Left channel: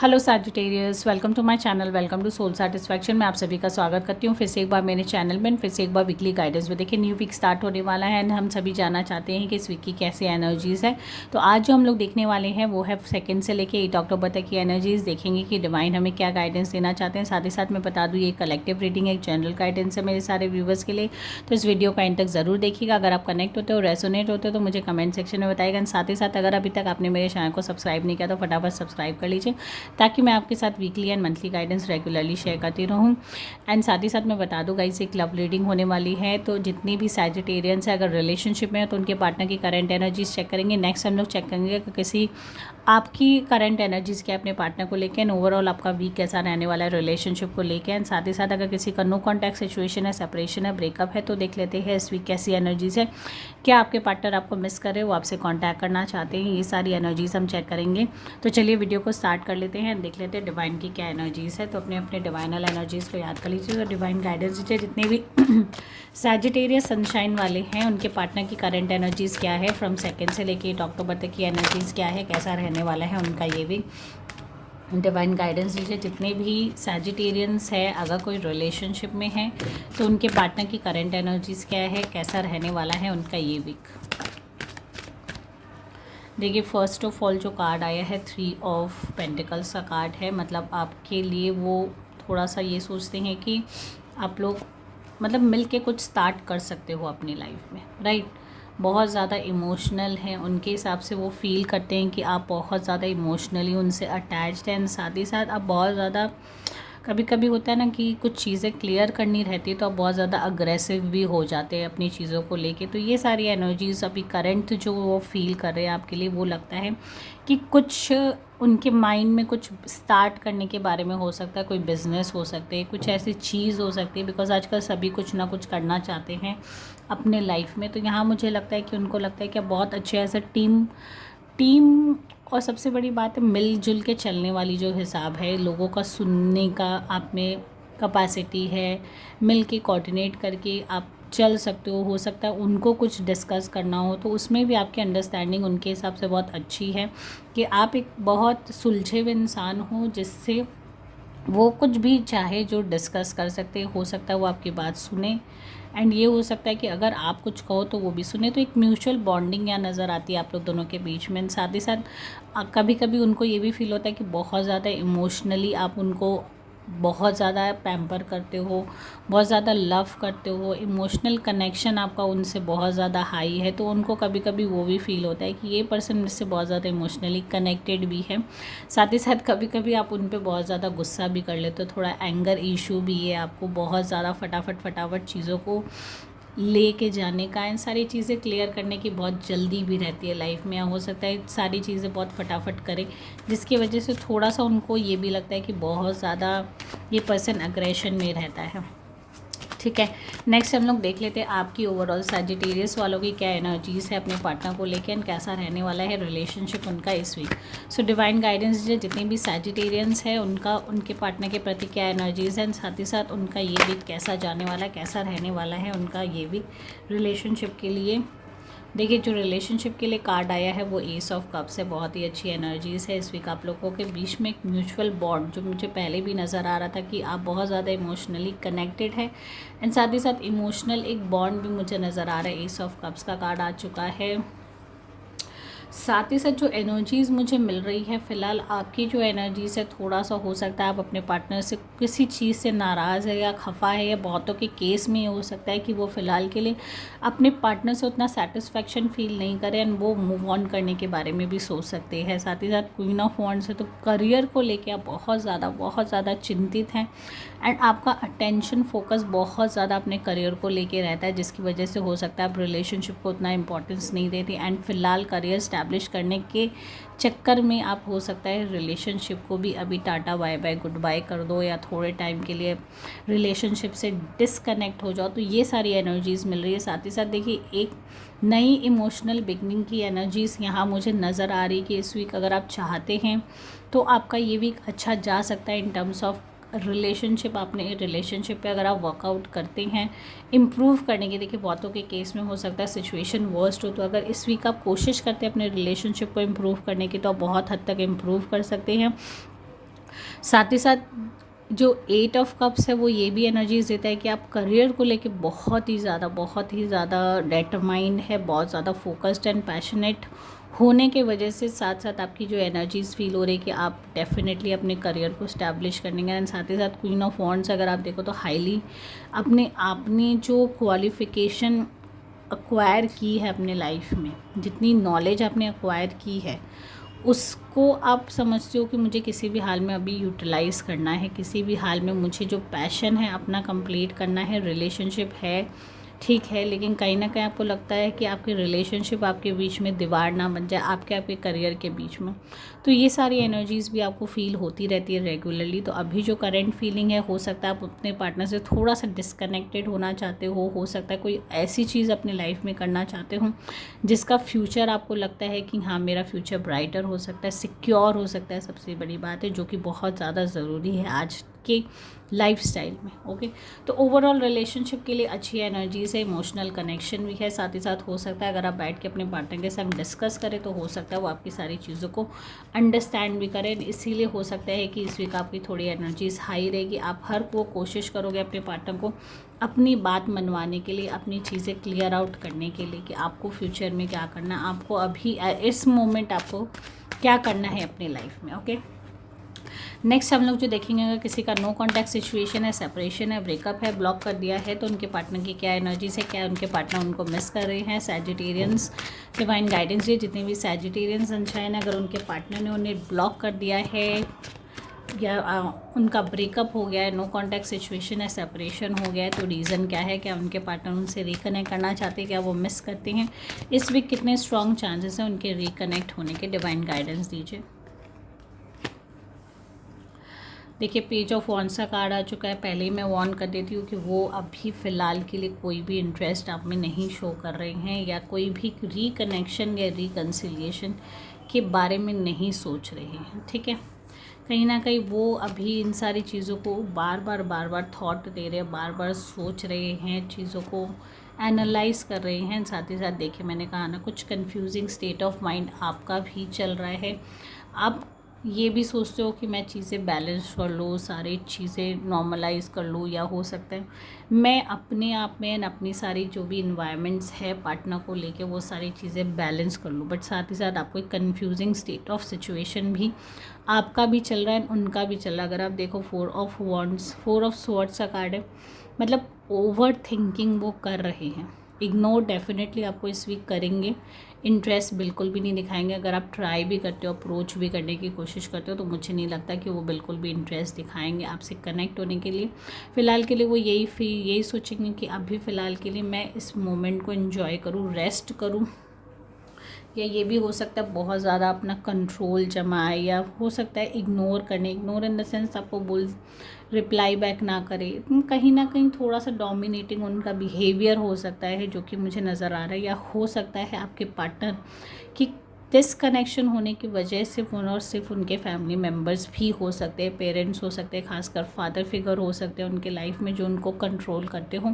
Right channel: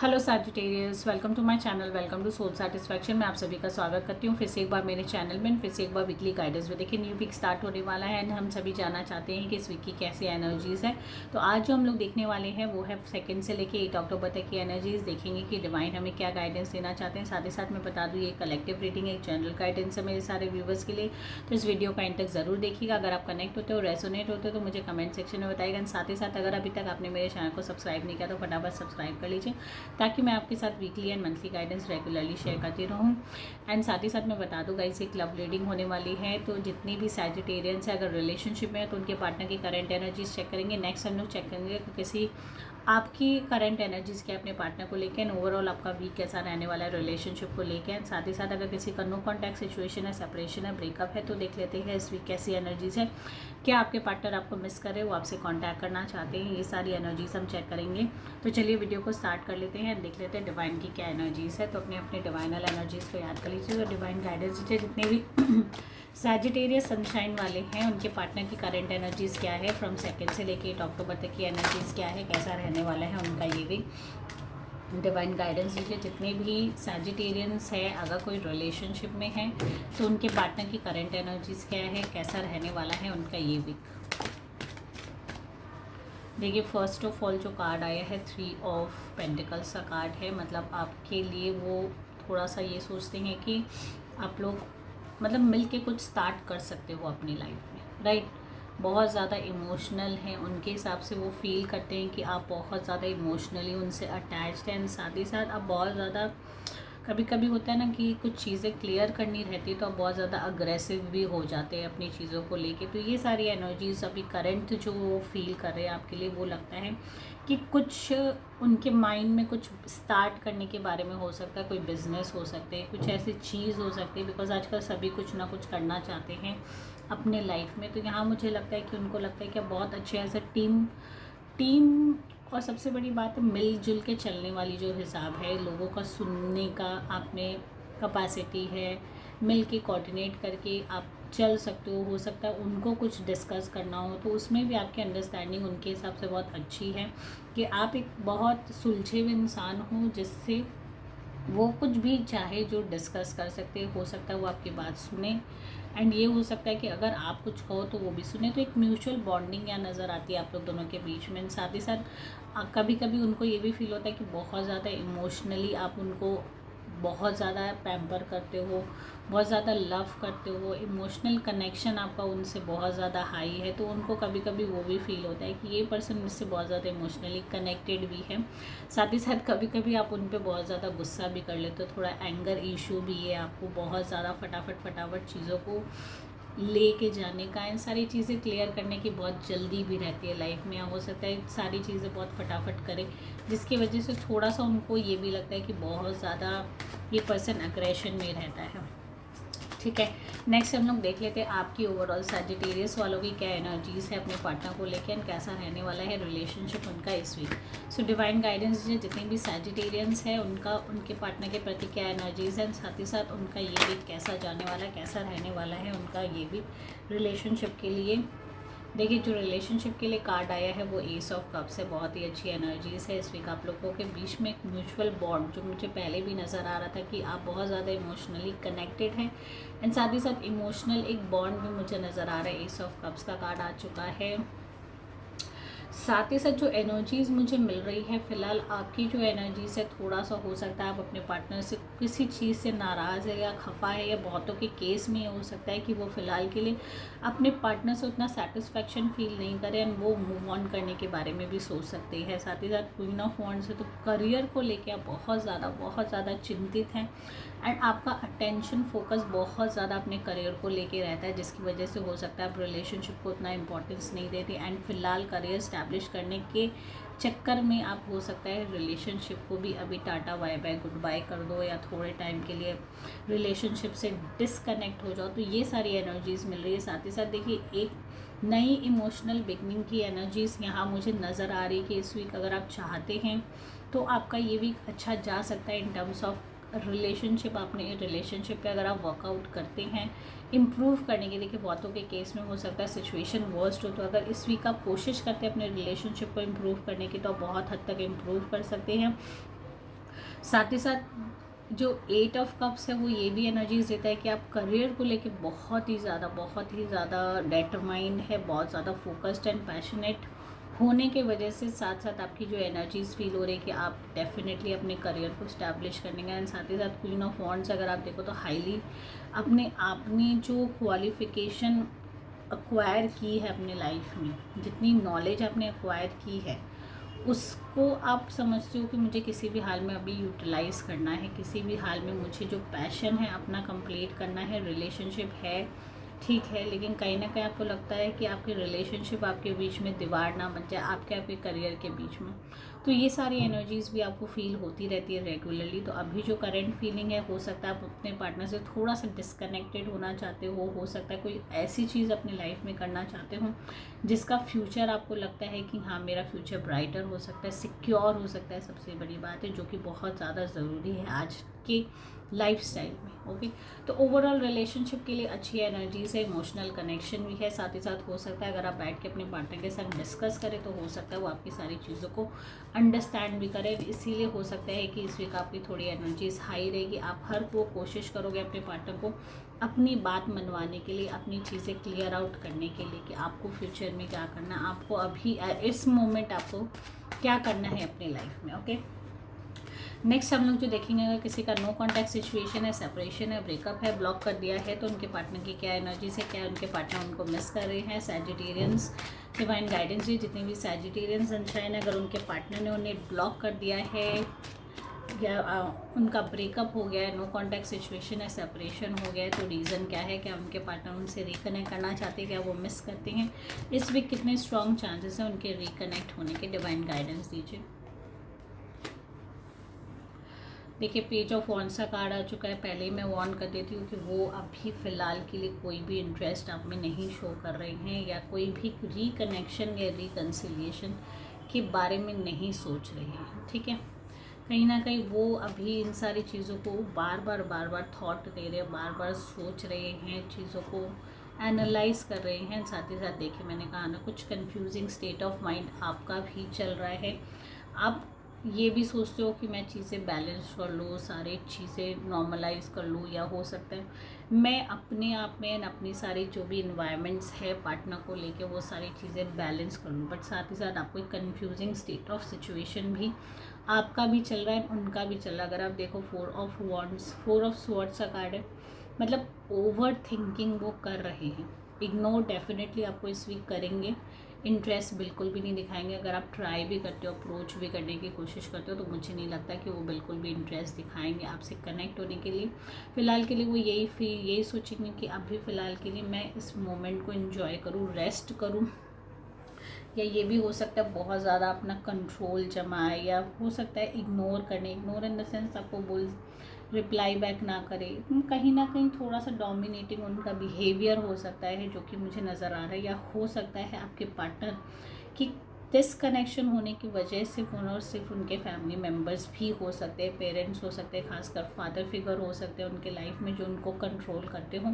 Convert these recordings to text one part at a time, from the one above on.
Hello Sagittarius, welcome to my channel, welcome to soul satisfaction. मैं आप सभी का स्वागत करती हूँ फिर से एक बार मेरे चैनल में, फिर से एक बार वीकली गाइडेंस में। देखिए न्यू वीक स्टार्ट होने वाला है एंड हम सभी जानना चाहते हैं कि इस वीक की कैसी एनर्जीज़ है। तो आज जो हम लोग देखने वाले हैं वो है 2 से लेके 8 अक्टूबर तक की एनर्जीज़। देखेंगे कि डिवाइन हमें क्या गाइडेंस देना चाहते हैं। साथ ही साथ मैं बता दूँ ये कलेक्टिव रीडिंग है, एक जनरल गाइडेंस है मेरे सारे व्यूवर्स के लिए। तो इस वीडियो का एंड तक ज़रूर देखिएगा। अगर आप कनेक्ट होते हो, रेसोनेट होते हो तो मुझे कमेंट सेक्शन में बताइएगा। साथ ही साथ अगर अभी तक आपने मेरे चैनल को सब्सक्राइब नहीं किया तो फटाफट सब्सक्राइब कर लीजिए, ताकि मैं आपके साथ weekly and monthly guidance regularly share करती रहूँ। एंड साथ ही साथ मैं बता दूँ गाइस, एक लव रीडिंग होने वाली है। तो जितनी भी सैजिटेरियंस है अगर रिलेशनशिप में है तो उनके पार्टनर की करंट एनर्जीज चेक करेंगे। नेक्स्ट हम लोग चेक करेंगे कि किसी आपकी करंट एनर्जीज़ क्या अपने पार्टनर को लेकर एंड ओवरऑल आपका वीक कैसा रहने वाला है रिलेशनशिप को लेकर। एंड साथ ही साथ अगर किसी का नो कॉन्टैक्ट सिचुएशन है, सेपरेशन है, ब्रेकअप है, तो देख लेते हैं इस वीक कैसी एनर्जीज़ है। क्या आपके पार्टनर आपको मिस कर रहे हो, आपसे कॉन्टैक्ट करना चाहते हैं, ये सारी एनर्जीज़ हम चेक करेंगे। तो चलिए वीडियो को स्टार्ट कर लेते हैं, देख लेते हैं डिवाइन की क्या एनर्जीज़ है। तो अपने अपने डिवाइनल एनर्जीज़ को याद कर लीजिए। तो डिवाइन गाइडेंस दीजिए जितने भी सैजिटेरियस सनशाइन वाले हैं उनके पार्टनर की करंट एनर्जीज़ क्या है, फ्रॉम 2 से लेके 8 अक्टूबर तक की एनर्जीज़ क्या है, कैसा रहने वाला है उनका, ये भी डिवाइन गाइडेंस दीजिए। जितने भी सैजिटेरियंस है अगर कोई रिलेशनशिप में है तो उनके पार्टनर की करंट एनर्जीज़ क्या है, कैसा रहने वाला है उनका ये वीक। देखिए फर्स्ट ऑफ ऑल जो कार्ड आया है 3 ऑफ पेंटिकल्स का कार्ड है। मतलब आपके लिए वो थोड़ा सा ये सोचते हैं कि आप लोग मतलब मिल के कुछ स्टार्ट कर सकते हो अपनी लाइफ में, राइट। बहुत ज़्यादा इमोशनल हैं, उनके हिसाब से वो फील करते हैं कि आप बहुत ज़्यादा इमोशनली उनसे अटैच्ड हैं। साथ ही साथ आप बहुत ज़्यादा, कभी कभी होता है ना कि कुछ चीज़ें क्लियर करनी रहती है तो आप बहुत ज़्यादा अग्रेसिव भी हो जाते हैं अपनी चीज़ों को लेके। तो ये सारी एनर्जीज अभी करंट जो वो फील कर रहे हैं आपके लिए, वो लगता है कि कुछ उनके माइंड में कुछ स्टार्ट करने के बारे में हो सकता है, कोई बिजनेस हो सकते हैं, कुछ ऐसी चीज़ हो सकती है। बिकॉज आजकल सभी कुछ ना कुछ करना चाहते हैं अपने लाइफ में। तो यहाँ मुझे लगता है कि उनको लगता है कि आप बहुत अच्छे एज अ टीम टीम और सबसे बड़ी बात है मिलजुल के चलने वाली जो हिसाब है, लोगों का सुनने का आप में कैपेसिटी है, मिल के कोऑर्डिनेट करके आप चल सकते हो सकता है उनको कुछ डिस्कस करना हो तो उसमें भी आपकी अंडरस्टैंडिंग उनके हिसाब से बहुत अच्छी है कि आप एक बहुत सुलझे हुए इंसान हो जिससे वो कुछ भी चाहे जो डिस्कस कर सकते हो सकता है वो आपकी बात सुने। एंड ये हो सकता है कि अगर आप कुछ कहो तो वो भी सुने। तो एक म्यूचुअल बॉन्डिंग यहाँ नज़र आती है आप लोग दोनों के बीच में। साथ ही साथ कभी कभी उनको ये भी फील होता है कि बहुत ज़्यादा इमोशनली आप उनको बहुत ज़्यादा पैम्पर करते हो, बहुत ज़्यादा लव करते हो, इमोशनल कनेक्शन आपका उनसे बहुत ज़्यादा हाई है। तो उनको कभी कभी वो भी फील होता है कि ये पर्सन मुझसे बहुत ज़्यादा इमोशनली कनेक्टेड भी है। साथ ही साथ कभी कभी आप उन पर बहुत ज़्यादा गुस्सा भी कर लेते हो, थोड़ा एंगर इशू भी है आपको, बहुत ज़्यादा फटाफट चीज़ों को लेके जाने का, इन सारी चीज़ें क्लियर करने की बहुत जल्दी भी रहती है लाइफ में। हो सकता है सारी चीज़ें बहुत फटाफट करें जिसकी वजह से थोड़ा सा उनको ये भी लगता है कि बहुत ज़्यादा ये पर्सन अग्रेशन में रहता है, ठीक है। नेक्स्ट हम लोग देख लेते हैं आपकी ओवरऑल सैजिटेरियस वालों की क्या एनर्जीज़ है अपने पार्टनर को लेकर एंड कैसा रहने वाला है रिलेशनशिप उनका इस वीक। सो डिवाइन गाइडेंस जो जितने भी सैजिटेरियंस है उनका उनके पार्टनर के प्रति क्या एनर्जीज़ है, साथ ही साथ उनका ये वीक कैसा जाने वाला है, कैसा रहने वाला है उनका ये वीक रिलेशनशिप के लिए। देखिए जो रिलेशनशिप के लिए कार्ड आया है वो एस ऑफ कप्स है, बहुत ही अच्छी एनर्जीज है इस वीक आप लोगों के बीच में। एक म्यूचुअल बॉन्ड जो मुझे पहले भी नज़र आ रहा था कि आप बहुत ज़्यादा इमोशनली कनेक्टेड है एंड साथ ही साथ इमोशनल एक बॉन्ड भी मुझे नज़र आ रहा है। एस ऑफ कप्स का कार्ड आ चुका है। साथ ही साथ जो एनर्जीज़ मुझे मिल रही है फ़िलहाल, आपकी जो एनर्जीज़ है थोड़ा सा हो सकता है आप अपने पार्टनर से किसी चीज़ से नाराज़ है या खफा है, या बहुतों के केस में ये हो सकता है कि वो फ़िलहाल के लिए अपने पार्टनर से उतना सेटिस्फेक्शन फील नहीं करें एंड वो मूव ऑन करने के बारे में भी सोच सकते हैं। साथ ही साथ क्वीन ऑफ वॉन्ड्स है तो करियर को लेके आप बहुत ज़्यादा चिंतित हैं एंड आपका अटेंशन फोकस बहुत ज़्यादा अपने करियर को लेके रहता है, जिसकी वजह से हो सकता है आप रिलेशनशिप को उतना इंपॉर्टेंस नहीं देती एंड फिलहाल करियर इस्टेब्लिश करने के चक्कर में आप हो सकता है रिलेशनशिप को भी अभी tata bye bye goodbye कर दो या थोड़े टाइम के लिए रिलेशनशिप से डिसकनेक्ट हो जाओ। तो ये सारी एनर्जीज़ मिल रही है। साथ ही साथ देखिए एक नई इमोशनल बिगनिंग की एनर्जीज़ यहाँ मुझे नज़र आ रही है कि इस वीक अगर आप चाहते हैं तो आपका ये वीक अच्छा जा सकता है इन टर्म्स ऑफ रिलेशनशिप। अपने रिलेशनशिप पे अगर आप वर्कआउट करते हैं इम्प्रूव करने की, देखिए बहुतों के केस में हो सकता है सिचुएशन वर्स्ट हो, तो अगर इस वीक आप कोशिश करते हैं अपने रिलेशनशिप को इम्प्रूव करने की तो आप बहुत हद तक इम्प्रूव कर सकते हैं। साथ ही साथ जो 8 ऑफ कप्स है वो ये भी एनर्जीज देता है कि आप करियर को लेके बहुत ही ज़्यादा डेटरमाइंड है, बहुत ज़्यादा फोकस्ड एंड पैशनेट होने के वजह से साथ साथ आपकी जो एनर्जीज फील हो रही है कि आप डेफिनेटली अपने करियर को स्टैब्लिश करेंगे। एंड साथ ही साथ क्वीन ऑफ वॉन्ड्स अगर आप देखो तो हाईली अपने आपने जो क्वालिफिकेशन एक्वायर की है अपने लाइफ में, जितनी नॉलेज आपने एक्वायर की है उसको आप समझते हो कि मुझे किसी भी हाल में अभी यूटिलाइज़ करना है, किसी भी हाल में मुझे जो पैशन है अपना कंप्लीट करना है। रिलेशनशिप है ठीक है, लेकिन कहीं ना कहीं आपको लगता है कि आपकी रिलेशनशिप आपके बीच में दीवार ना बन जाए, आपके करियर के बीच में। तो ये सारी एनर्जीज़ भी आपको फील होती रहती है रेगुलरली। तो अभी जो करंट फीलिंग है, हो सकता है आप अपने पार्टनर से थोड़ा सा डिस्कनेक्टेड होना चाहते हो सकता है कोई ऐसी चीज़ अपने लाइफ में करना चाहते हो जिसका फ्यूचर आपको लगता है कि हाँ मेरा फ्यूचर ब्राइटर हो सकता है, सिक्योर हो सकता है, सबसे बड़ी बात है जो कि बहुत ज़्यादा ज़रूरी है आज के लाइफस्टाइल में। ओके, तो ओवरऑल रिलेशनशिप के लिए अच्छी एनर्जी से इमोशनल कनेक्शन भी है। साथ ही साथ हो सकता है अगर आप बैठ के अपने पार्टनर के साथ डिस्कस करें तो हो सकता है वो आपकी सारी चीज़ों को अंडरस्टैंड भी करें। इसीलिए हो सकता है कि इस वीक आपकी थोड़ी एनर्जीज हाई रहेगी। आप हर वो कोशिश करोगे अपने पार्टनर को अपनी बात मनवाने के लिए, अपनी चीज़ें क्लियर आउट करने के लिए कि आपको फ्यूचर में क्या करना है, आपको अभी इस मोमेंट आपको क्या करना है अपनी लाइफ में। ओके, नेक्स्ट हम लोग जो देखेंगे, अगर किसी का नो कॉन्टैक्ट सिचुएशन है, सेपरेशन है, ब्रेकअप है, ब्लॉक कर दिया है, तो उनके पार्टनर की क्या एनर्जीज है, क्या उनके पार्टनर उनको मिस कर रहे हैं। सैजिटेरियंस डिवाइन गाइडेंस है, जितने भी सैजिटेरियंस सनशाइन है, अगर उनके पार्टनर ने उन्हें ब्लॉक कर दिया है या उनका ब्रेकअप हो गया है, नो कॉन्टैक्ट सिचुएशन है, सेपरेशन हो गया है, तो रीज़न क्या है, क्या उनके पार्टनर उनसे रिकनेक्ट करना चाहते हैं, क्या वो मिस करते हैं। इस वीक कितने स्ट्रॉन्ग चांसेस हैं उनके रिकनेक्ट होने के, डिवाइन गाइडेंस दीजिए। देखिए, पेज ऑफ वॉन्ड्स का कार्ड आ चुका है। पहले ही मैं वॉर्न कर देती हूँ कि वो अभी फ़िलहाल के लिए कोई भी इंटरेस्ट आप में नहीं शो कर रहे हैं या कोई भी रिकनेक्शन या रिकन्सिलिएशन के बारे में नहीं सोच रहे हैं। ठीक है, कहीं ना कहीं वो अभी इन सारी चीज़ों को बार बार थॉट दे रहे हैं, बार बार सोच रहे हैं, चीज़ों को एनालाइज कर रहे हैं। साथ ही साथ देखिए, मैंने कहा ना, कुछ कंफ्यूजिंग स्टेट ऑफ माइंड आपका भी चल रहा है। आप ये भी सोचते हो कि मैं चीज़ें बैलेंस कर लूँ, सारी चीज़ें नॉर्मलाइज कर लूँ, या हो सकता है मैं अपने आप में अपनी सारी जो भी इन्वायरमेंट्स है पार्टनर को लेके वो सारी चीज़ें बैलेंस कर लूँ। बट साथ ही साथ आपको एक कन्फ्यूजिंग स्टेट ऑफ सिचुएशन भी आपका भी चल रहा है, उनका भी चल रहा है। अगर आप देखो, 4 ऑफ स्वॉर्ड्स का कार्ड है, मतलब ओवर थिंकिंग वो कर रहे हैं। इग्नोर डेफिनेटली आपको इस वीक करेंगे, इंटरेस्ट बिल्कुल भी नहीं दिखाएंगे। अगर आप ट्राई भी करते हो, अप्रोच भी करने की कोशिश करते हो, तो मुझे नहीं लगता कि वो बिल्कुल भी इंटरेस्ट दिखाएंगे आपसे कनेक्ट होने के लिए। फ़िलहाल के लिए वो यही सोचेंगे कि अभी फ़िलहाल के लिए मैं इस मोमेंट को एंजॉय करूँ, रेस्ट करूँ, या ये भी हो सकता है बहुत ज़्यादा अपना कंट्रोल जमाए, या हो सकता है इग्नोर इन द सेंस आपको रिप्लाई बैक ना करे। कहीं ना कहीं थोड़ा सा डोमिनेटिंग उनका बिहेवियर हो सकता है जो कि मुझे नज़र आ रहा है। या हो सकता है आपके पार्टनर की डिसकनेक्शन होने की वजह सिर्फ और सिर्फ उनके फैमिली मेम्बर्स भी हो सकते हैं, पेरेंट्स हो सकते हैं, खासकर फादर फिगर हो सकते हैं उनके लाइफ में जो उनको कंट्रोल करते हों,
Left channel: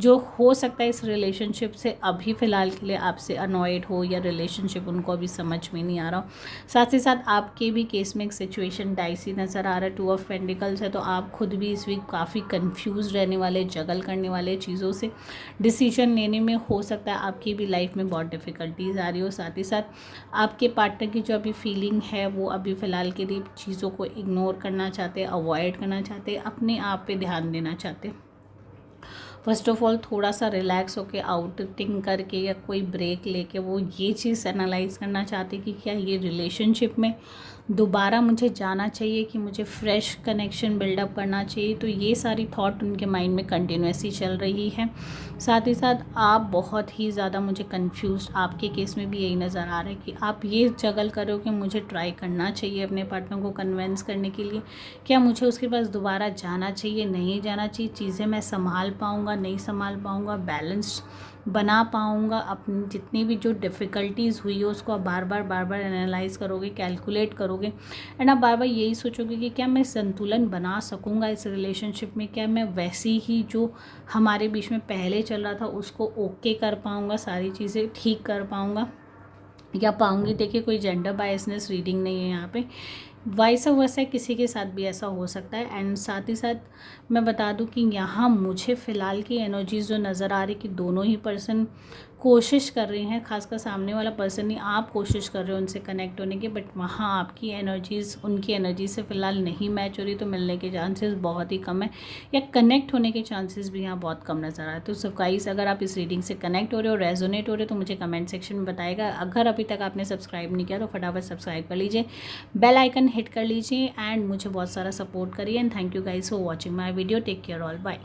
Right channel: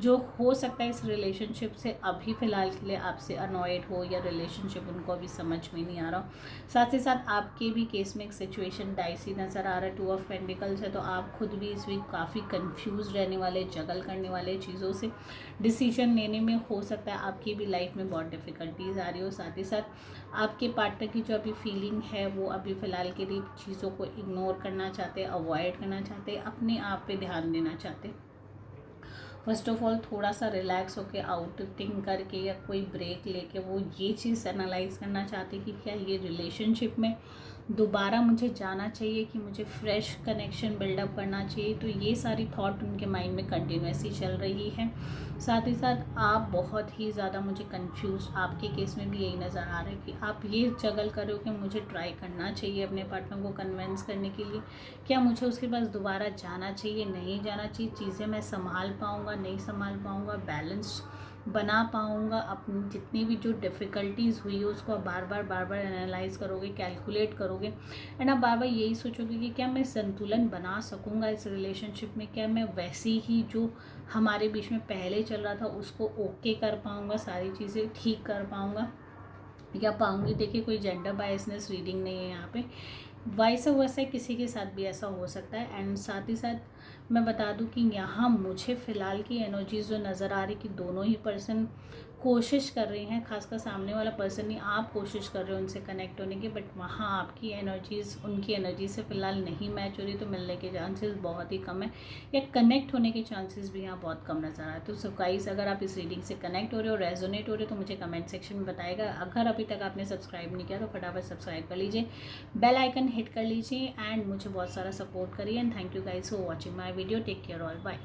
जो हो सकता है इस रिलेशनशिप से अभी फ़िलहाल के लिए आपसे अनॉयड हो, या रिलेशनशिप उनको अभी समझ में नहीं आ रहा हो। साथ ही साथ आपके भी केस में एक सिचुएशन डाइसी नज़र आ रहा है, 2 ऑफ पेंटिकल्स है, तो आप खुद भी इस वीक काफ़ी कंफ्यूज रहने वाले, जगल करने वाले चीज़ों से, डिसीजन लेने में हो सकता है आपकी भी लाइफ में बहुत डिफ़िकल्टीज आ रही हो। साथ ही साथ आपके पार्टनर की जो अभी फीलिंग है वो अभी फ़िलहाल के लिए चीज़ों को इग्नोर करना चाहते, अवॉइड करना चाहते, अपने आप पे ध्यान देना चाहते। फर्स्ट ऑफ ऑल थोड़ा सा रिलैक्स होकर आउटिंग करके या कोई ब्रेक लेके वो ये चीज़ एनालाइज करना चाहते कि क्या ये रिलेशनशिप में दोबारा मुझे जाना चाहिए, कि मुझे फ्रेश कनेक्शन बिल्डअप करना चाहिए। तो ये सारी थॉट उनके माइंड में कंटिन्यूसली चल रही है। साथ ही साथ आप बहुत ही ज़्यादा मुझे कंफ्यूज, आपके केस में भी यही नज़र आ रहा है कि आप ये जगल करो कि मुझे ट्राई करना चाहिए अपने पार्टनर को कन्विंस करने के लिए, क्या मुझे उसके पास दोबारा जाना चाहिए, नहीं जाना चाहिए, चीज़ें मैं संभाल पाऊँगा, नहीं संभाल पाऊँगा, बैलेंस बना पाऊँगा। अपनी जितनी भी जो डिफ़िकल्टीज़ हुई है उसको आप बार बार एनालाइज करोगे, कैलकुलेट करोगे, एंड आप बार बार यही सोचोगे कि क्या मैं संतुलन बना सकूँगा इस रिलेशनशिप में, क्या मैं वैसी ही जो हमारे बीच में पहले चल रहा था उसको ओके कर पाऊँगा, सारी चीज़ें ठीक कर पाऊँगा या पाऊँगी। देखिए, कोई जेंडर बायसनेस रीडिंग नहीं है यहाँ पे, वाइस वर्सा किसी के साथ भी ऐसा हो सकता है। एंड साथ ही साथ मैं बता दूं कि यहाँ मुझे फ़िलहाल की एनर्जीज़ जो नज़र आ रही कि दोनों ही पर्सन कोशिश कर रही हैं, खासकर सामने वाला पर्सन ही, आप कोशिश कर रहे हो उनसे कनेक्ट होने की, बट वहाँ आपकी एनर्जीज़ उनकी एनर्जी से फ़िलहाल नहीं मैच हो रही, तो मिलने के चांसेस बहुत ही कम है, या कनेक्ट होने के चांसेस भी यहाँ बहुत कम नज़र आ रहे हैं। तो सो गाइस, अगर आप इस रीडिंग से कनेक्ट हो रहे हो, रेजोनेट हो रहे हो, तो मुझे कमेंट सेक्शन में बताएगा। अगर अभी तक आपने सब्सक्राइब नहीं किया तो फटाफट सब्सक्राइब कर लीजिए, बेल आइकन हिट कर लीजिए एंड मुझे बहुत सारा सपोर्ट करिए। And thank you guys for watching my video. Take care all, bye.